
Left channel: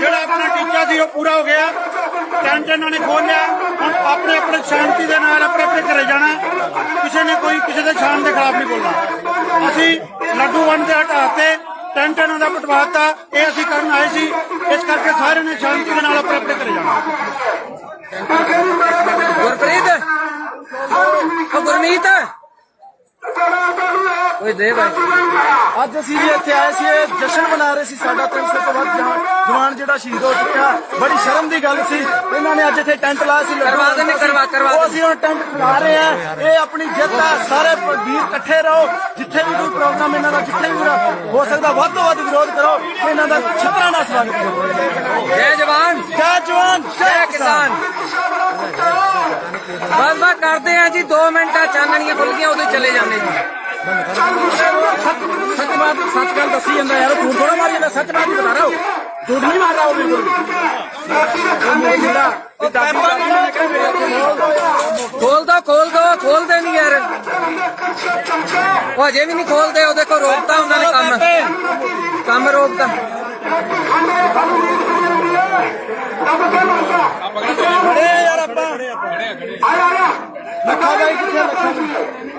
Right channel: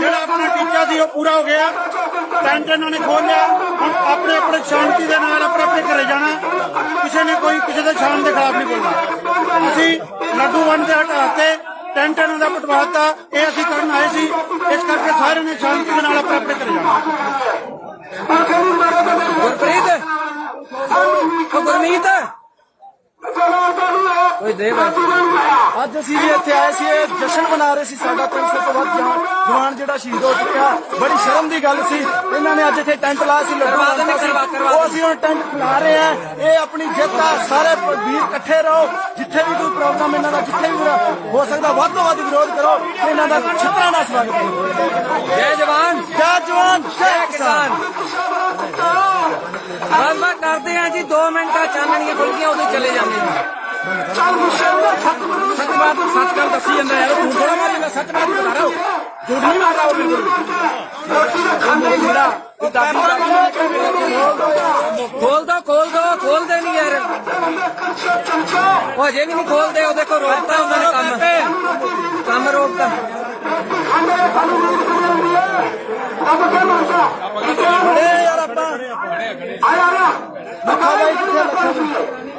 ਜਿਹੜਾ ਆਪਣਾ ਟੀਚਾ ਸੀ ਉਹ ਪੂਰਾ ਹੋ ਗਿਆ। ਟੈਂਟ ਇਹਨਾਂ ਨੇ ਖੋਲ ਲਿਆ। ਹੁਣ ਆਪਣੇ ਆਪਣੇ ਸ਼ਾਂਤੀ ਦੇ ਨਾਲ ਆਪਣੇ ਘਰੇ ਜਾਣਾ। ਕਿਸੇ ਨੇ ਕੋਈ ਕਿਸੇ ਦੇ ਸ਼ਾਨ ਦੇ ਖਿਲਾਫ ਨਹੀਂ ਬੋਲਣਾ। ਅਸੀਂ ਲਾਗੂ ਵੰਡ ਦੇ ਹਟਾ ਕੇ ਟੈਂਟ ਇਹਨਾਂ ਦਾ ਪਟਵਾਤਾ ਇਹ ਅਸੀਂ ਕਰਨ ਆਏ ਸੀ। ਇਸ ਕਰਕੇ ਸਾਰਿਆਂ ਨੇ ਸ਼ਾਂਤੀ ਦੇ ਨਾਲ ਆਪਣੇ ਘਰੇ ਜਾਣਾ। ਗੁਰਪ੍ਰੀਤ ਗੁਰਮੀਤ ਕੋਈ ਦੇ ਭਾਈ। ਅੱਜ ਅਸੀਂ ਵੀ ਇੱਥੇ ਆਏ ਸੀ ਇਹ ਜਸ਼ਨ ਮਨਾ ਰਹੇ ਸੀ। ਸਾਡਾ 300 ਤੋਂ ਵੱਧ ਜਵਾਨ ਜਿਹੜਾ ਸ਼ਹੀਦ ਹੋ ਚੁੱਕਿਆ। ਬੜੀ ਸ਼ਰਮ ਦੀ ਗੱਲ ਸੀ। ਇਹਨਾਂ ਨੇ ਅੱਜ ਇੱਥੇ ਟੈਂਟ ਲਾਇਆ ਸੀ। ਉਹ ਅਸੀਂ ਹੁਣ ਟੈਂਟ ਖਿਲਾ ਰਹੇ ਆ। ਇਹ ਆਪਣੀ ਜਿੱਤ ਆ। ਸਾਰੇ ਵੀਰ ਇਕੱਠੇ ਰਹੋ। ਜਿੱਥੇ ਵੀ ਕੋਈ ਪ੍ਰੋਗਰਾਮ ਇਹਨਾਂ ਦਾ ਜਿੱਥੇ ਵੀ ਹੋ ਸਕਦਾ ਵੱਧ ਤੋਂ ਵੱਧ ਵਿਰੋਧ ਕਰੋ। ਇਹਨਾਂ ਦਾ ਛਿੱਤਰਾਂ ਨਾਲ ਸਵਾਗਤ ਕਰੋ। ਜੈ ਜਵਾਨ ਜੈ ਜਵਾਨ ਜੈ ਕਿਸਾਨ। ਬਸ ਕਰਦੇ ਆ ਜੀ 2 ਮਿੰਟ ਚਾਨਣੀਆਂ ਖੁੱਲ ਗਈਆਂ ਉਹਦੇ ਚਲੇ ਜਾਂਦੇ ਜੀ। ਖੋਲ ਦੇ ਨਹੀਂ ਯਾਰ ਉਹ ਅਜੇ ਵੀ ਨਹੀਂ ਖੋਲਦੇ। ਉਹ ਦੇਖੋ ਰੋਕਤਾ ਉਹਨਾਂ ਨੇ ਕੰਮ ਰੋਕਤਾ। ਖੜੇ ਯਾਰ ਆਪਾਂ ਲੱਖਾ ਬਾਈ ਕਿੱਥੇ ਲੱਖਾ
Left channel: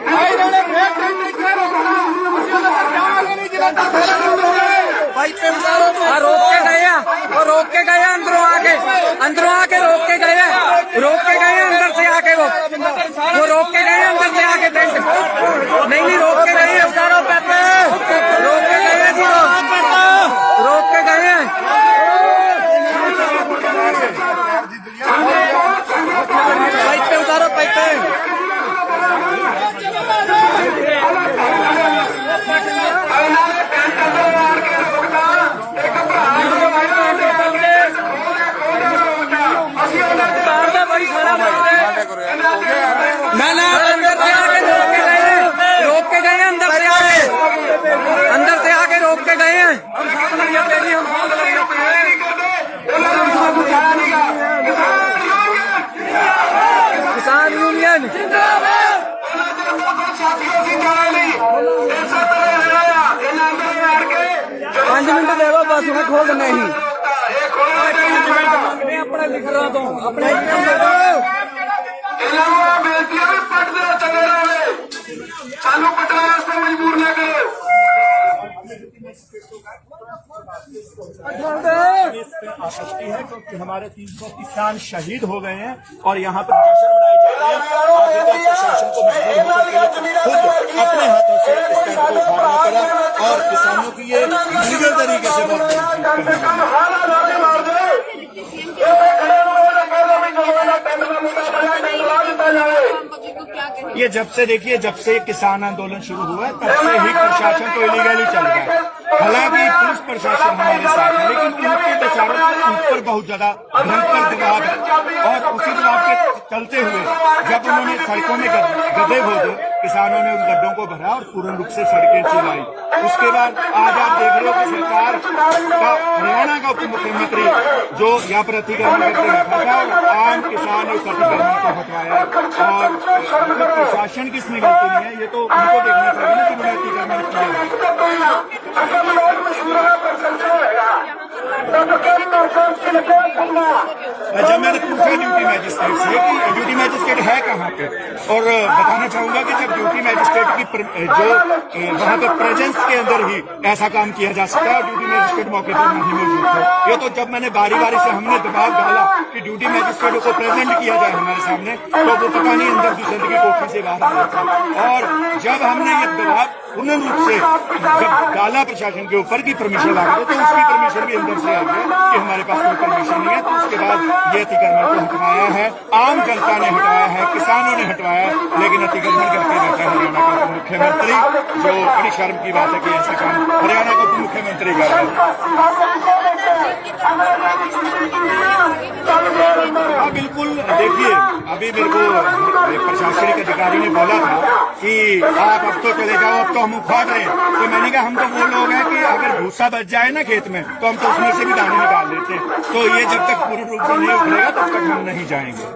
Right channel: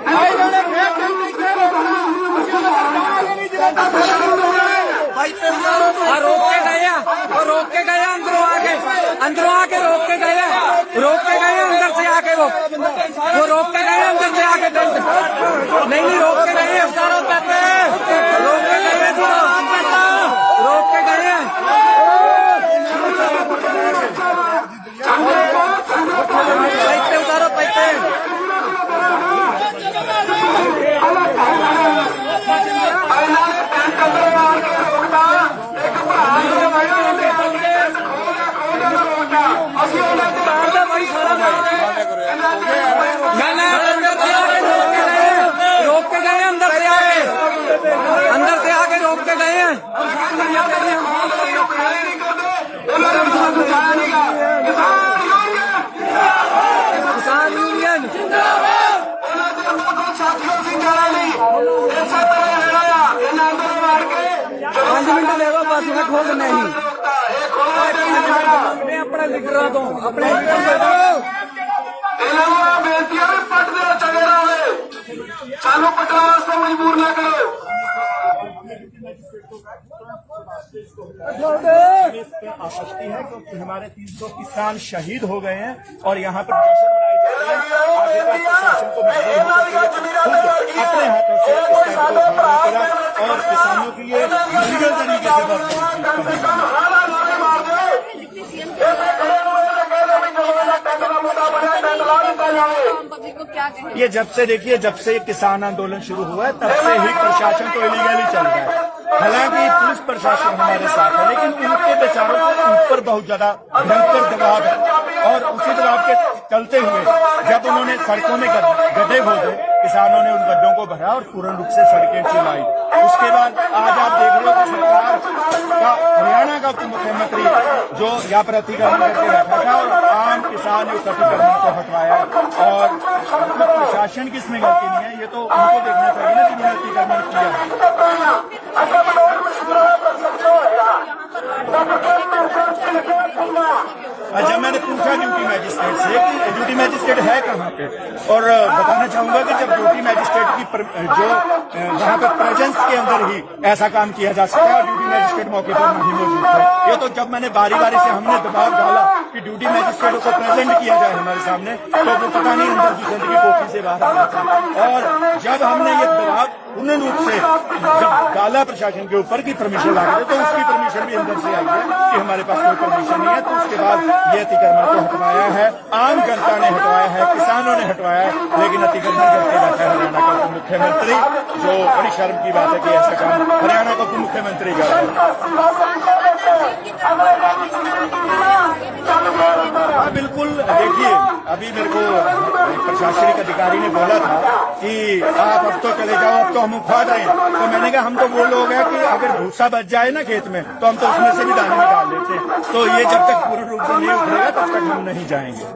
ਬਾਈ ਇਹਨਾਂ ਨੇ ਫੇਰ ਟੈਂਟ ਇੱਥੇ ਰੋਕਣਾ। ਅਸੀਂ ਉਹਨਾਂ ਦਾ ਜਾਵਾਂਗੇ ਨਹੀਂ ਜਿਹੜਾ रोक के गए अंदरों आके रोक के गए अंदर से आके वो रोक के गए अंदर से आके टेंट नहीं रोक के गए रोक के गए जी रोक के गए अंदर से आके रोक के गए हैं। किसान यूनियन जिंदाबाद। 5 मिनट देवो बस मैं खोल देना ही अपने लीडर तो अपने सानू पटना वास्ते मजबूर न करो। आसक्ति है क्योंकि हमारे 300 किसान शहीद हो गए हैं और यहाँ पर जश्न मनाए जा रहे हैं। प्रशासन को खुद अपने हाथों से इस कैंप को उठाना पड़ा और किसानों की ये लीगल तरीके से ये जब से देखिए जब से किसान आंदोलन शुरू हुआ तब से ही प्रशासन तो इलीगली चल रहा है। हालांकि पुलिस प्रशासन हमारे साथ है लेकिन उनके बेचारों के ऊपर बहुत ज्यादा भयंकर दबाव है और उसी दबाव के चलते हुए जब उन्होंने सड़कों में गड्ढे खोदे किसानों ने उन गड्ढों को भरा और पूर्ण रूप से सड़कें चलाई। उसके बाद आज आप देख रहे हो कि सरकार का हरियाणा का उप मुख्यमंत्री जो यहाँ पर अतिक्रमण करके रखा था आम किसान उस अतिक्रमण को हटवाया और प्रशासन की इसमें गलती नहीं है। ये तो उनको देखना चाहिए ना कि उन्होंने अतिक्रमण किया। जब मैंने पूछा ड्यूटी मैजिस्ट्रेट से कि ड्यूटी मैजिस्ट्रेट है कहाँ पे और बताना चाहूंगा कि जब ड्यूटी मैजिस्ट्रेट की जो वहाँ पे प्रेजेंस के अंदर ही ऐसा काम किया जा सकता है ड्यूटी मैजिस्ट्रेट मौके पर नहीं मौजूद था। ये तो जब मैंने बारी बारी से हमने दबाव डाला कि ड्यूटी मैजिस्ट्रेट को प्रेजेंट किया जाए हमारे सामने तो वो पता नहीं अंदर दूसरे की कोठी से बाहर आ था। और जब हमने ये दबाव पूर्ण रूप से जब डाला प्रशासन के ऊपर की परमिशन ला गई तो उसकी परमिशन भी अंदर से आई है कि हमारे पास कोई परमिशन नहीं है। तो उसके बाद ये अतिक्रमण को हटवाया है। आम जनता ने हटवाया है, किसानों ने हटवाया है, लेकिन अतिक्रमण करके बैठा है हरियाणा का उप मुख्यमंत्री। जो बड़ी शर्म की बात है कि ऐसा काम हरियाणा का उप मुख्यमंत्री कर रहा है। हाँ बिल्कुल, देखिए अभी मेरे को एक प्रशासनिक अधिकारी ने बोला था कि आप अब तो चले जाओ, अब तो हम उठा दें। तो मैंने कहा हम तो वो लोग हैं कि अगर भूसा बच जाए ना खेत में तो हम तो उसमें से भी दाने निकाल लेते हैं। तो ये जब तक पूर्ण रूप से नहीं उखड़ेगा तब तक हम नहीं जाएंगे।